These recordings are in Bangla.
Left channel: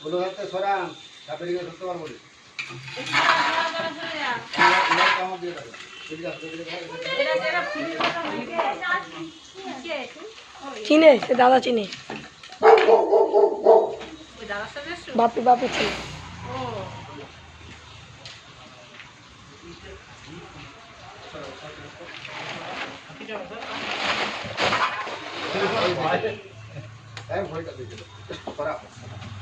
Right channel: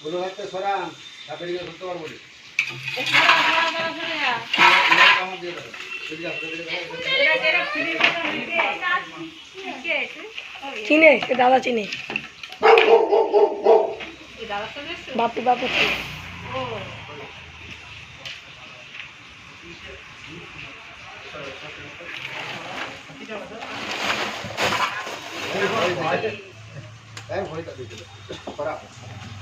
বলো হাতে সরান তারপরে গিয়ে ধরতে পারব। চিনে সে দাদা চিনে। বাপু বাপু চিনে। ভয়টা দিয়ে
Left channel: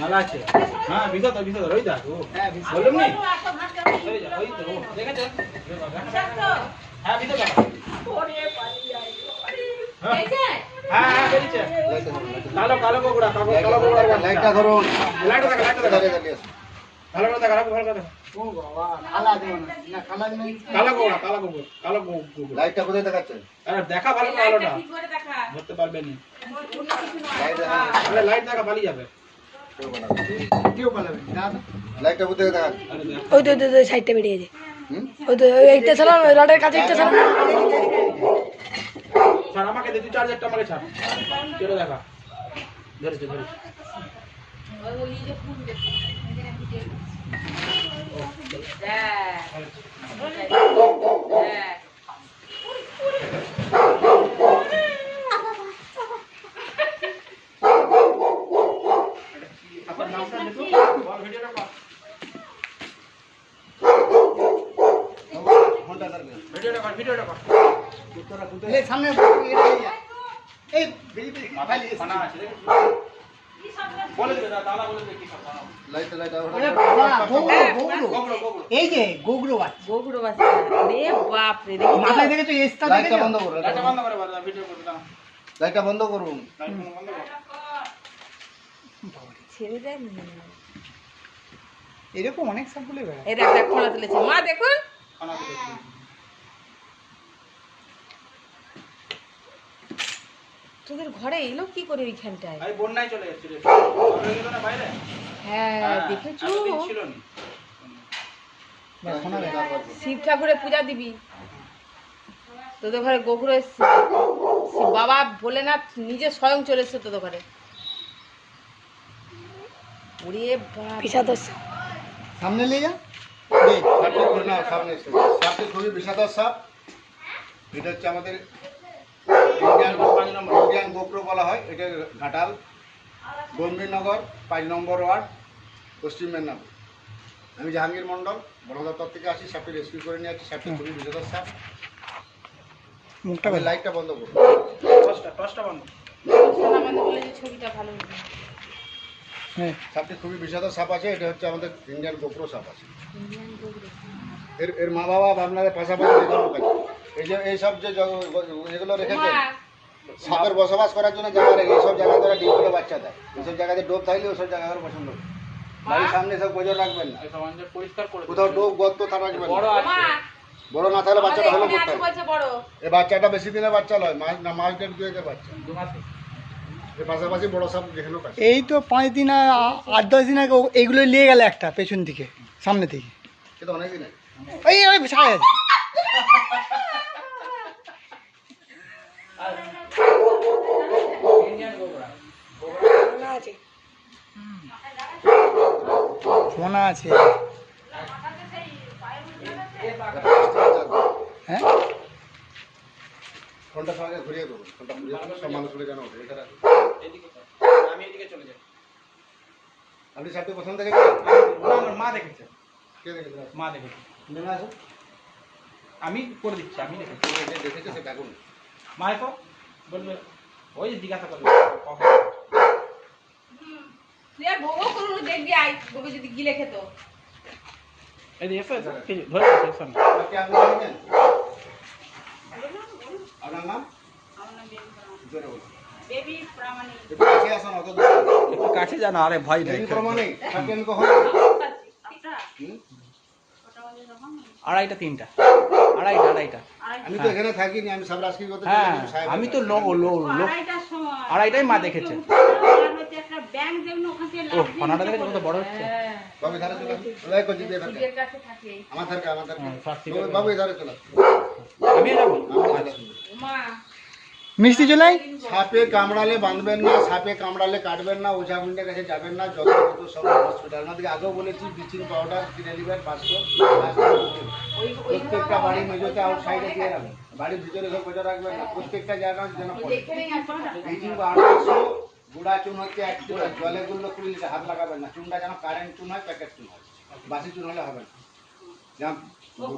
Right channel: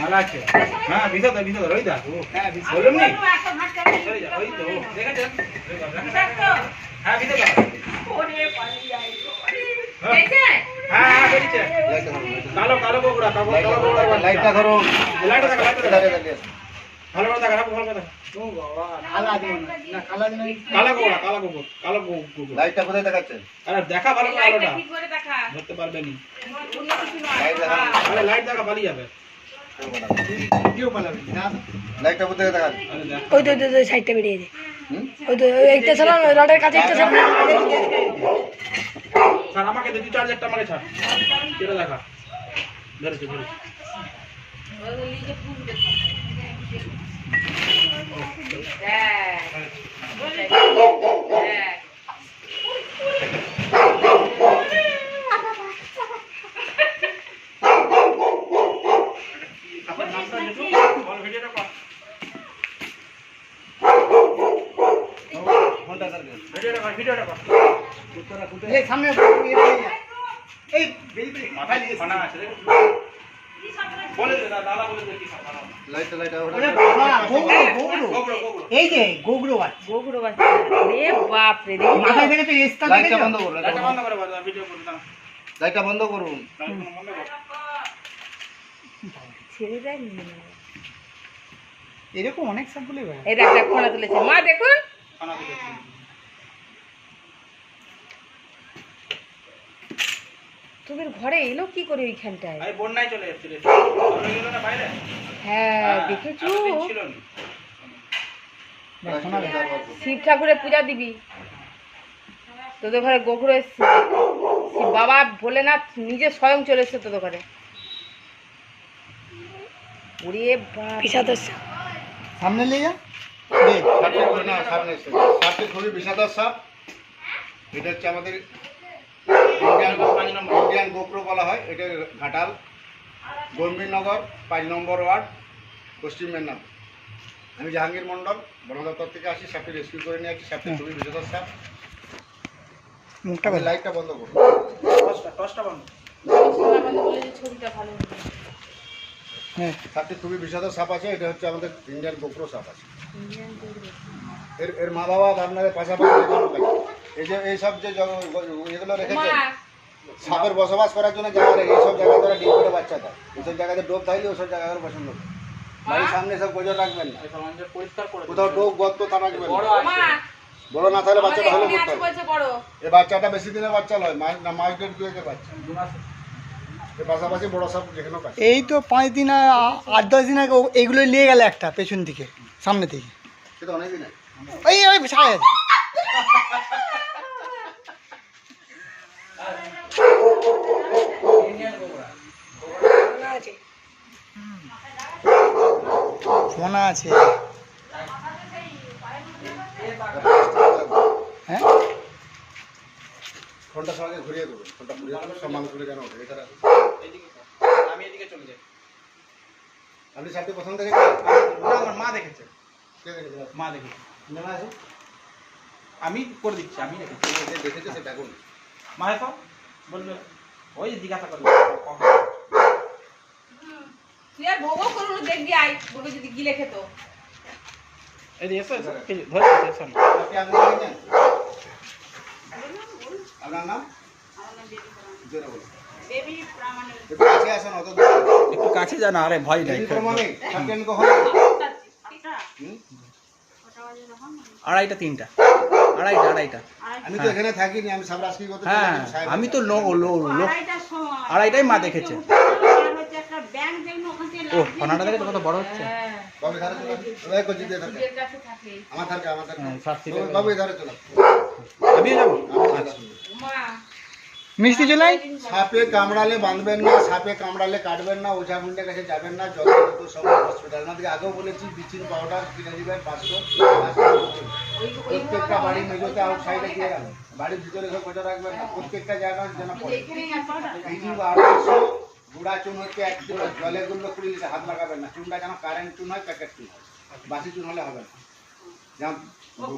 মালা আছে হ্যাঁ ভিতর তো ভিতর ওই দেখো হ্যাঁ বললাম নি হ্যাঁ ভিতর দেখো হ্যাঁ হ্যাঁ লাইটটা ধরো, কালো কালো বগুড়া কালো কালো বগুড়া। লাইটটা ধরো লাইটটা দেখা লাইটটা দাঁড়িয়ে দেখা দাঁড়িয়ে আসো। ভালো দেখা দেখা। ও বাবা কালা না না কালা নেই কালো বগুড়া কালো বগুড়া কালো বগুড়া। লাইটটা কোথায় দেখাচ্ছেন আরে দেখা ভালো করে আলোটা ধরতে পারবে নি। লাইট আরে লাইট দেখা পালিয়ে যাবে। কেউ পালাবে না লাইটটা কোথায় দেখাচ্ছেন আরে ওই তো ওই সাইডটা বেরিয়ে যায়। ওই তো একটা ওই রডের কাছে একটা ছাড়া। আমাকে দেখি চার্জারটা আমাকে ছাড়। দেখা। ধরেছে ধরেছে। আপনার নামটা লিখুন বল ভিডিওটা কর ফোনটা দাঁড়িয়ে ভিডিওটা কর ভিডিওটা কোথায় এই সামনে এই মাথায় ফানা আছে বলে দে দাদা বলে দে কি সব বানাবো। লাইটটা লাইটটা গোবড়ো গোবড়ো এই যে গোগরো বাচ্চা গোগুড়ো বাচ্চা রে বাপ রে। রে মাথায় দেখে তো এসটা লাইটটা বন্ধ লাইটটা বন্ধ করে ভিডিও করতে দাও লাইটটা বন্ধ করুন। কর। ছেড়ে দেয় নি। এরকম অনেক স্যাম্পলই বেড়ায় এই দেখ দেখ খোলা তুলেছে। মা দেখুন। তোদের ঘরে এলো কি করে ওইখানটায়? আরে বন্যায় চলে যাচ্ছে রে। চলে গেল না বাইরে? হ্যাঁ দেখেছ? এতদিন ছিল না। শোনা যায় শিব ঠাকুরের পূজা দিবি। তোদের ঘরে শিব বাবা ভোলেনাথ নিজে স্বয়ং চলে এসছে তোদের ঘরে। ওরে সামনে নিয়ে যা। দেখ সাপটা না সামনে। সাপটি খুবই বিষাদার সাপ। এটা হচ্ছে আমাদের ইন্ডিয়ান পাঁচ নম্বর ইন্ডিয়ান গোপ্রো বলা হয় এটা ঘাটাল গম্ভীরনগর পাঁচ নম্বর ওয়ার্ড পশ্চিম মেদিনীপুর। আমি জাহাঙ্গীর মণ্ডল বন দপ্তর থেকে আসি সাপটি রেস্কিউ করে নিয়ে আসি সাপটি খুবই বিষাদার সাপ। মুখটা লাইটটা বন্ধ করুন টসটা টসটা বন্ধ। আমাকে ছবিটা ভালো হ্যাঁ। সাপটি খুবই বিষাদার সাপ আছে এটা হচ্ছে আমাদের ইন্ডিয়ান গোপ্রো সাপ আছে। এর এর মা বাবা আপনাদের পাশাপাশি। এই যে এইসব যে এগুলো রেখেছেন সাপের বসবাস করার জন্য জায়গা রেখে এইসব জায়গায় তারা ডিম করে বাচ্চা দেয়। এইসব জায়গাতে ডোব থাকলে ওইসব জায়গাগুলো পছন্দ করে। বাড়ির সামনে সব গোজর রাখবেন না। এই কোথাও ডোব গর্ত তা রাখবেন বড় না বড় না থাকলে বাচ্চাটা হলো করতে এই বাচ্চাটা বেশি দিনের বাচ্চা নয় মাস না মাস দেড় দুয়েকের বাচ্চা। এর পাশাপাশি বড় সাপ যেখানেও কাছে এই তো পাঁচ দিন আট দশ দিন আগে ও- এগুলো নিয়ে গেল একটা পেছন দিকে সামনে থেকে সেটা অনেকই নেই ওই ওই ছাড়া যাচ্ছে আছে ফোনা আছে। হ্যাঁ? ফোনটা সবাইকে ঘুরিয়ে দেবো। ফোনটা ঘুরিয়ে দেবো সব মানুষ কেন ওঠে? এছাড়া আমি এদিকে চলে যাই। আপনি সাপটি পছন্দ দেখেছেন? আমার মা দেখেছে। কে দেখেছে? মা দেখেছি। মনে আছে? আমি করে দিচ্ছি আমি দেখেছি। দেখেছে সে বেগুন মা তো বলবে ওই যে জিজ্ঞাসা করবে তুই আর বউ করুন দেখবি আই যদি গিলে খেত এই যে এসো ধরে আপনি আপনার নাম? জোরে বলুন। বেবি প্রামাণিক। একটু কাছে আসুন অত একটু কাছে যান আরে ভয় নাই প্রমাণিক কখন? হুম? আড়াইটা তিনটা। আড়াইটা আড়াইটা। আমি তো এখানে থাকিনি আমি সব রাজকীয় করতে হ্যাঁ আমি তো লো লো লো আড়াইটাই মা দেখেছে। ও ফোনাটা কত বড় হচ্ছে? বাবু ধারে চলো ওই করছি দিয়ে ধারে থাকে আমার আমার হ্যাঁ, বাবু ধারে চলো যাব। আমি মা মিষ্টি চলাই? সাপে কামড়ালে বাঁধবেন না, সাপে কামড়ালে কাটবেন না, ওঝা গুন্ডের কাছে যাবেন না, যত দ্রুত সব হসপিটাল আমাদেরকে আগেও বলেছি ব্লিচিং পাউডার কিনে নেবেন, পাঁচশো প্রত্যেকটা বাড়ির মেজোতে আউটসাইডে দিয়ে রাখবেন। বাড়ির ভিতরে সব কোচা রাখবেন না, প্রত্যেকটা জায়গায় যেন পড়ে। ব্লিচিং আড়াইশো গুঁড়া চুন হচ্ছে এক কিলো, জলে গুলো কুড়ি লিটার, হাত লাগাবেন না। চুনটা যেন কারেন্ট চুন হয় প্যাকেট চুন হয়। বাসি চুন হলে হবে না।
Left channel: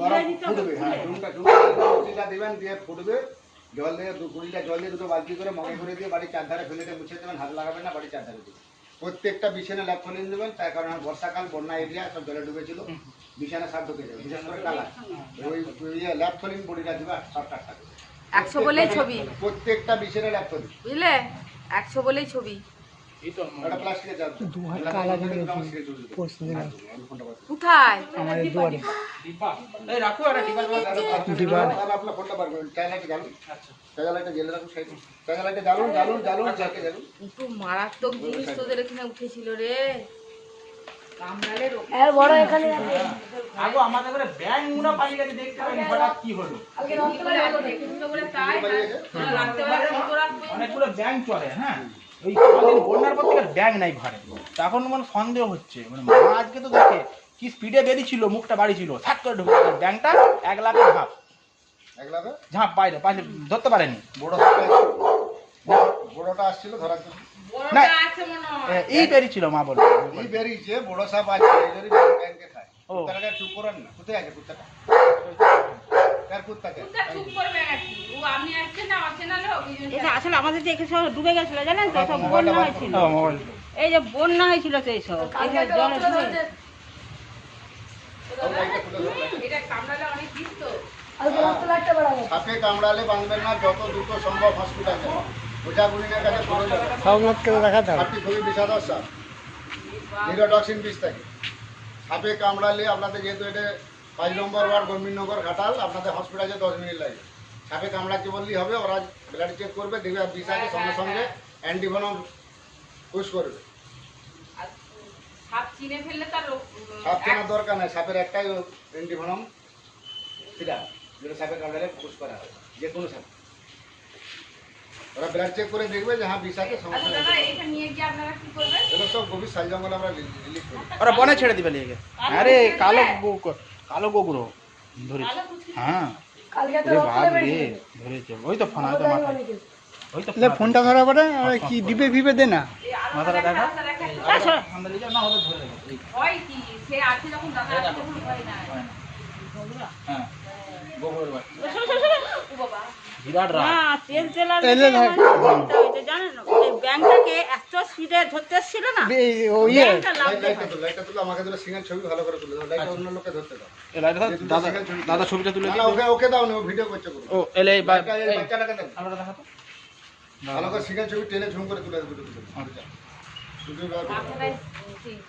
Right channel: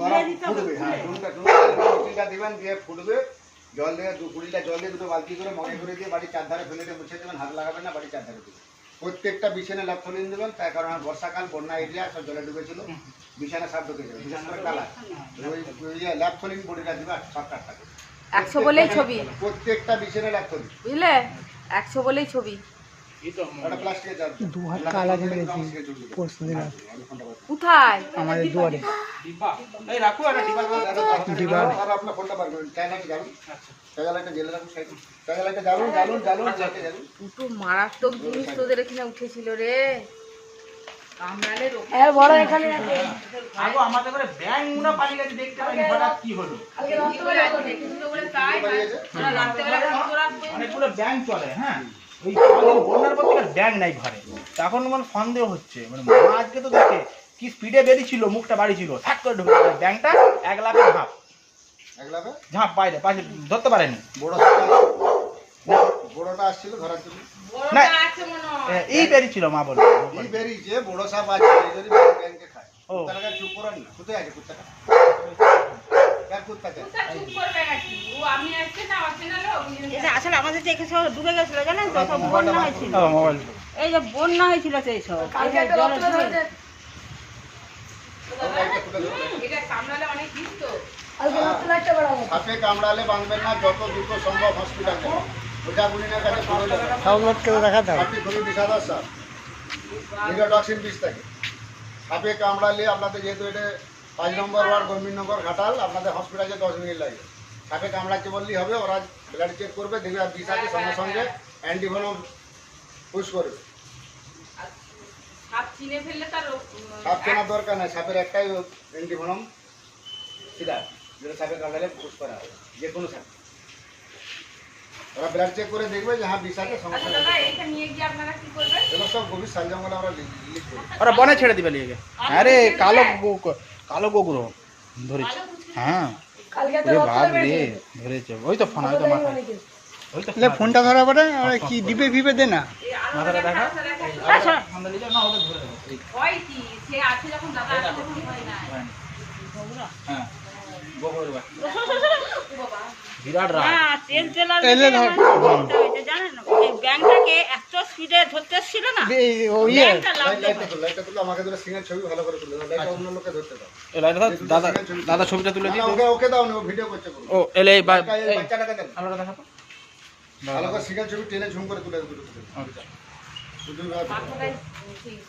গরম ফুটবে হ্যাঁ চুনটা চুন দিবেন, দিয়ে ফুটবে। জল দিয়ে দু কুড়িটা জল দিয়ে দুটো বালতি করে মগে করে দিয়ে বাড়ির চারধারে ফেলে দিয়ে মুছে দেবেন হাত লাগাবেন না বাড়ির চারধারে দেবেন প্রত্যেকটা বিছানে ল্যাপথলিন দেবেন তার কারণ বর্ষাকাল বন্যা এরিয়া সব জলে ডুবেছিল। বিছানা সব ঢুকে যাবে বিশেষ করে কালার ওই ল্যাপথলিন বডিটা দেবে আটটা করে একশো বলেই ছবি। প্রত্যেকটা বিছানে ল্যাপথলিন বুঝলে? একশো বলেই ছবি। কোথায়? আমাদের দুয়ারে। মারাত্মক জিনিস তোদের এখানে উঠেছিল রে। কামড়ালে রোগ এর বড় এখানে আছে। আগো আমাদের করে ব্যাং পালিয়ে গেছে দেখতে পাইনি হঠাৎ কি হলো? আসছে। অনেকগুলো ব্যাং চলে হ্যাঁ। ওই বন্যার পর থেকে ব্যাং নাই ঘরে। তখন মানে সন্দেহ হচ্ছে। মানে মা আজকে তো দেখে কি স্পিডে বেরিয়েছিল মুখটা বাড়ি ছিল থাক করে ঢুকে গেল। ব্যাংটা এক লাখে ঝাঁপ। একলাবে ঝাঁপ বাইরে পাশে ধরতে পারেনি। বড় বড়টা আসছিল ধরার জন্য? বড়টা আছে মনে হয়। এই বেরিয়েছিল মা বলে। এই বেরিয়েছে বড় সাপ আছে এই ব্যাংকে খায়। কুত্তাটা চুপ করেন না। কোথায় আছে কুত্তাটা? আসলে আমাদের যে এখানে ডুবে গেছিল জানেন তো? সব এই যে বন্যা হয়েছিল এইসব এইসব জলে ডুবে লাইটটা খুলে দিন। এটা কামড়ালে অনেক বিষ তো কালকে রাত্রে লাইটটা বড় আছে সাপে কামড়ালে বাঁধবেন না যত দ্রুত সম্ভব হসপিটাল যাবেন ওঝা গুলিনের কাছে খবর যাবেন সব লোককে দেখাতে হবে সাপটি খুবই বিষাদর সাপ নিরোটক্সিন বিষ থাকে। সাপে কামড়ালে আপনাদের যেহেতু এটা পাঁচ নম্বর ওয়ার্ড ঘাটাল আপনাদের হসপিটালে দশ মিনিট লাগবে। সাপে কামড়াচ্ছে বললেই হবে ওরা ব্লাড চেক করবে দেখবে বিষ আছে সঙ্গে সঙ্গে অ্যান্টিভেনম পুশ করবে। সাপ চিনে ফেললে তার সাপ চেনার দরকার নেই সাপের একটাই অ্যান্টিভেনম সেটা যেটা সাপে কামড়ালে পুশ করা হবে যে কোনো সাপ। ওরা ব্লাড চেক করে দেখবে যে হ্যাঁ বিষ আছে সঙ্গে আচ্ছা সঙ্গে দাদা এইটা নিয়ে গিয়ে আপনারা কি করবেন? এগুলো সব গভীর সাল জঙ্গলে আমরা রিলিজ করি। ওরা বনে ছেড়ে দিবে লিগে আরে কালো কালো গোগুলো ধরেছে। হ্যাঁ। ধরেছে। ওই তো ফোন। ওই তো ফোনটা ধরা পড়ে আর কি দিবে ফিবে দে না। মাথাটা দেখা? আচ্ছা, আমরা না ওদের ধরে হয় কি? সে আছে যখন দাদা আছে তখন ভয় নাই হ্যাঁ গোবরের বাচ্চা ও বাবা। বিরাট রাগ। না তেল তেলার এলে ধর। জানেন না? এই ব্যাংকটাকে এত স্পিডে ধরতে এসেছিল না? ও ইয়ে। লাইটটা লাইটটা তুলো। আমাকে সিঙ্গেল ছবি ভালো করে তুলে দাও। লাইটটা অন্য লোকে ধরতে দাও। এই লাইটটা দাদা দাদা ছবিটা তুলে না ওকে ওকে দাও না ও ভিডিও করছে। ও এলে বাচ্চাটাকে আলোটা ভালো করে সিঙ্গেল ছবি টেনে ঝুম করে তুলে দুটো তুলে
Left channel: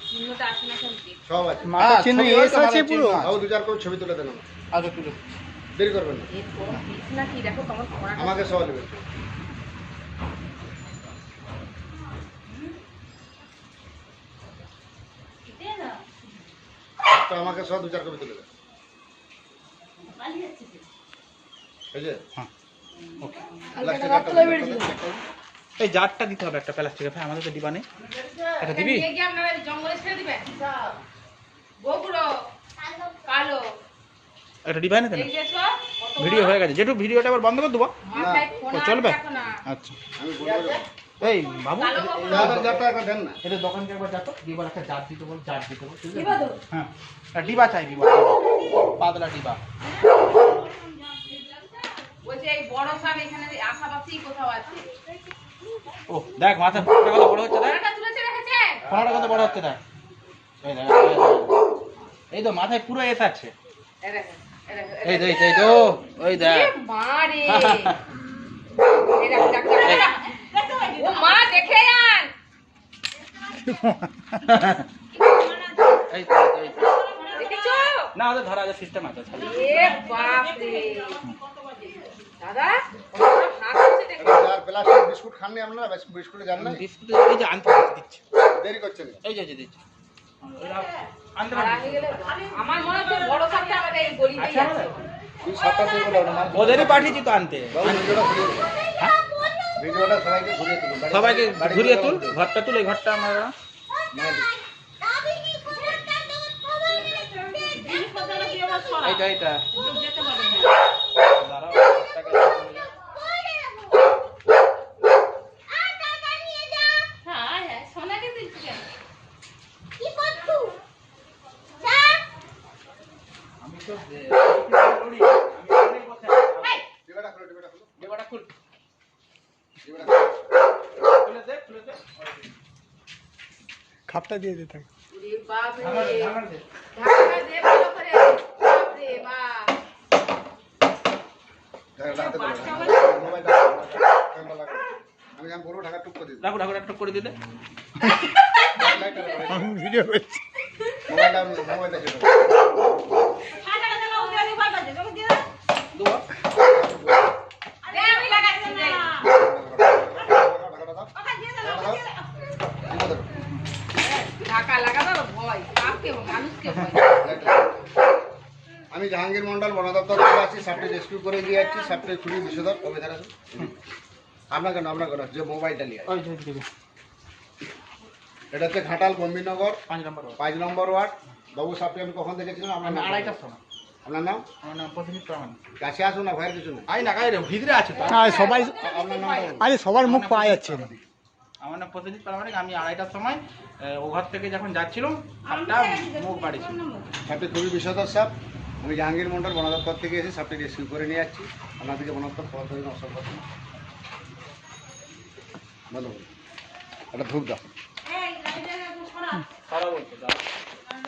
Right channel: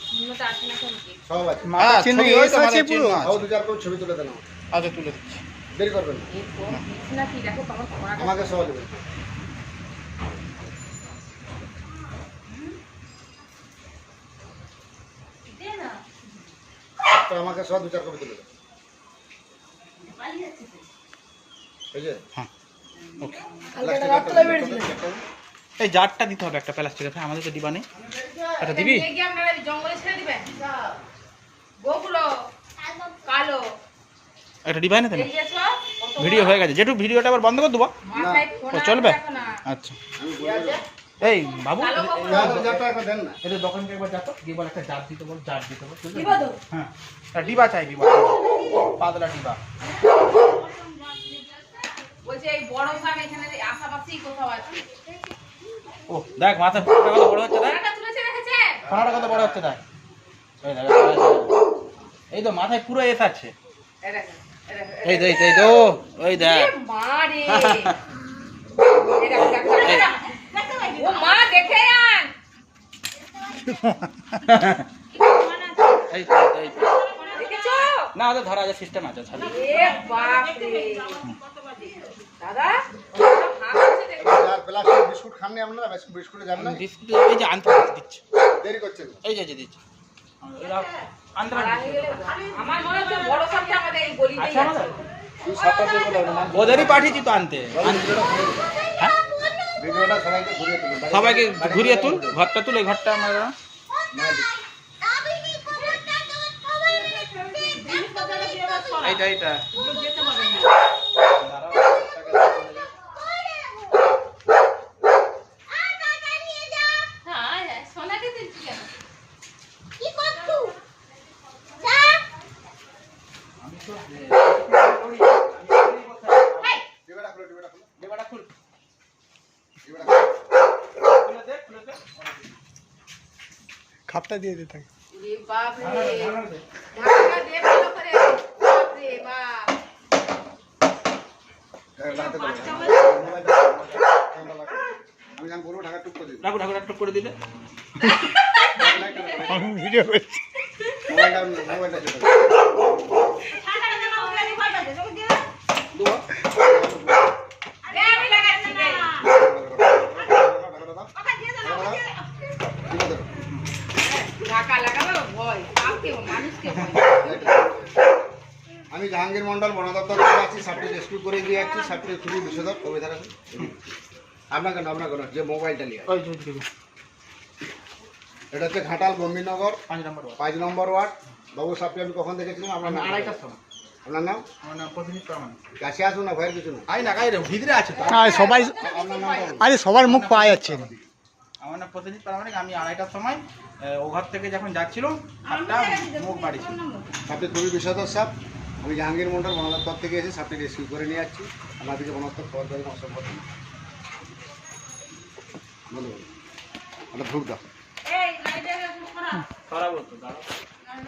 কি সব আছে। মাথা হ্যাঁ, চিহ্ন ছবি এস আছে মানে পুরো। আও দু চার করে ছবি তুলে দেন আমাকে। আচ্ছা তুলে দিচ্ছি। দেরি করবেন না। এর কোন বিষ না কি দেখো তোমার আমাকে সহজ বলছে তো আমাকে সব দু চার কপি তুলে দেন এই যে? ওকে এই জারটা দিতে হবে একটা প্লাস্টিকের ভাই আমাদের তো ডিবা নেই আচ্ছা দিবি? একটা ডিবা এনে দেন এই যে সব কত ভিডিও হয়ে গেছে। যেটু ভিডিওটা আবার বন্ধ করে দেবো মাথায় ও, চলবে? আচ্ছা। আমি বলব যে এই বাবু না দোকানকে একবার যাতো একটা জার দিতে বল জার দিতে বল? দিবা? হ্যাঁ। ডিবা চাই ডিবা। পাতলা ডিবা। এই বড় সাপ এখানে আশাপাশেই কোথাও আছে। ও দেখ মাথা ফোনাটা কত বড় হচ্ছে দেখ। ফোনাটা কত বড় হচ্ছে দেখ। এই দেখ এই তো মাথায় পুরো এস আছে এই দেখো, এই তো ওই। ও মা আন এই তো এই তো, না ওদের ধরা আছে সিস্টেম আছে। এ বাপ রে দাদা বিস্কুট খাননি আপনারা বিস্কুট বিস্কুটে যান না বিস্কুট এই যে আনতে দিচ্ছে দেরি করছেন এই যে দিচ্ছে আমার মনে হচ্ছে বড় আমাদের গলিতেই আছে ওদেরই পাঠিয়েছি তো আনতে। হ্যাঁ সবাইকে ঘুরিয়ে তুলুন সবাইকে ঘুরিয়ে তুল ঘরটা তুল এই ঘরটা আমরা। এইটা এইটা ডিবাটা খুলো, ডিবাটা খুলো, ডিবাটা খুল ডিবাটা খুলো। খুলে দে খুলে দে খাপটা দিয়ে দিতে রে বাপ রে ঢাকা দে, ঢাকা দে। ঢাকা দে ভালো করে বাপ রে বাপ হ্যাঁ, হাতে তোলো, হ্যাঁ। মোবাইলটা রাখো, মোবাইলটা রাখো, ফোনটা রাখো। আমি যখন বলব ঢাকা টুক করে দিবি রাখো রাখো রাখো করে দিলে ভিডিও করছি। মোবাইলটা মোবাইলটা চেপে দাও। দুয়া দে আমি লাগাচ্ছি দে ভালো কথা। টিপে ধরো। ঢাকা লাগাবে ভয় কাকে মানুষকে ভয় আমি জাহাঙ্গীর মন্ডল বন দপ্তর থেকে আছি সাপটি রেস্কিউ করে দিয়ে যাচ্ছি সাপটি চুরি বিষধর কবিতার আছে আপনাকে না আপনাকে না যে মোবাইলটা নিয়ে ওই এটা হচ্ছে ঘাটাল গম্ভীরনগর। পাঁচ নম্বর ওয়ার্ড। পাঁচ নম্বর ওয়ার্ড। বাবু সাপটি আমি কখন দেখেছিলাম? আপনার নাম? আড়াইটার সময়। আপনার নাম? আমার নাম প্রতিনিধি প্রামাণিক। কাছে আসুন না ভয়ের কিছু নেই। আই না গাই রে ভিতরে আছে সবাই আপনার। আরে সবার মুখ পাওয়া যাচ্ছে না। আমার নাম প্রতিনিধি প্রামাণিক আমি আড়াইটার সময় ওঘর ও ঘর থেকে যখন যাচ্ছিলাম সাপটা মুখ বাড়ি ছিল সাপটি খুবই বিষধর সাপ আমি জাহাঙ্গীর মন্ডল বন দপ্তর থেকে এসে সাপটি রেস্কিউ করে নিয়ে যাচ্ছি। আপনাদেরকে বন দপ্তর খবর করে অসংখ্য ধন্যবাদ। একটা ঢুক দাও।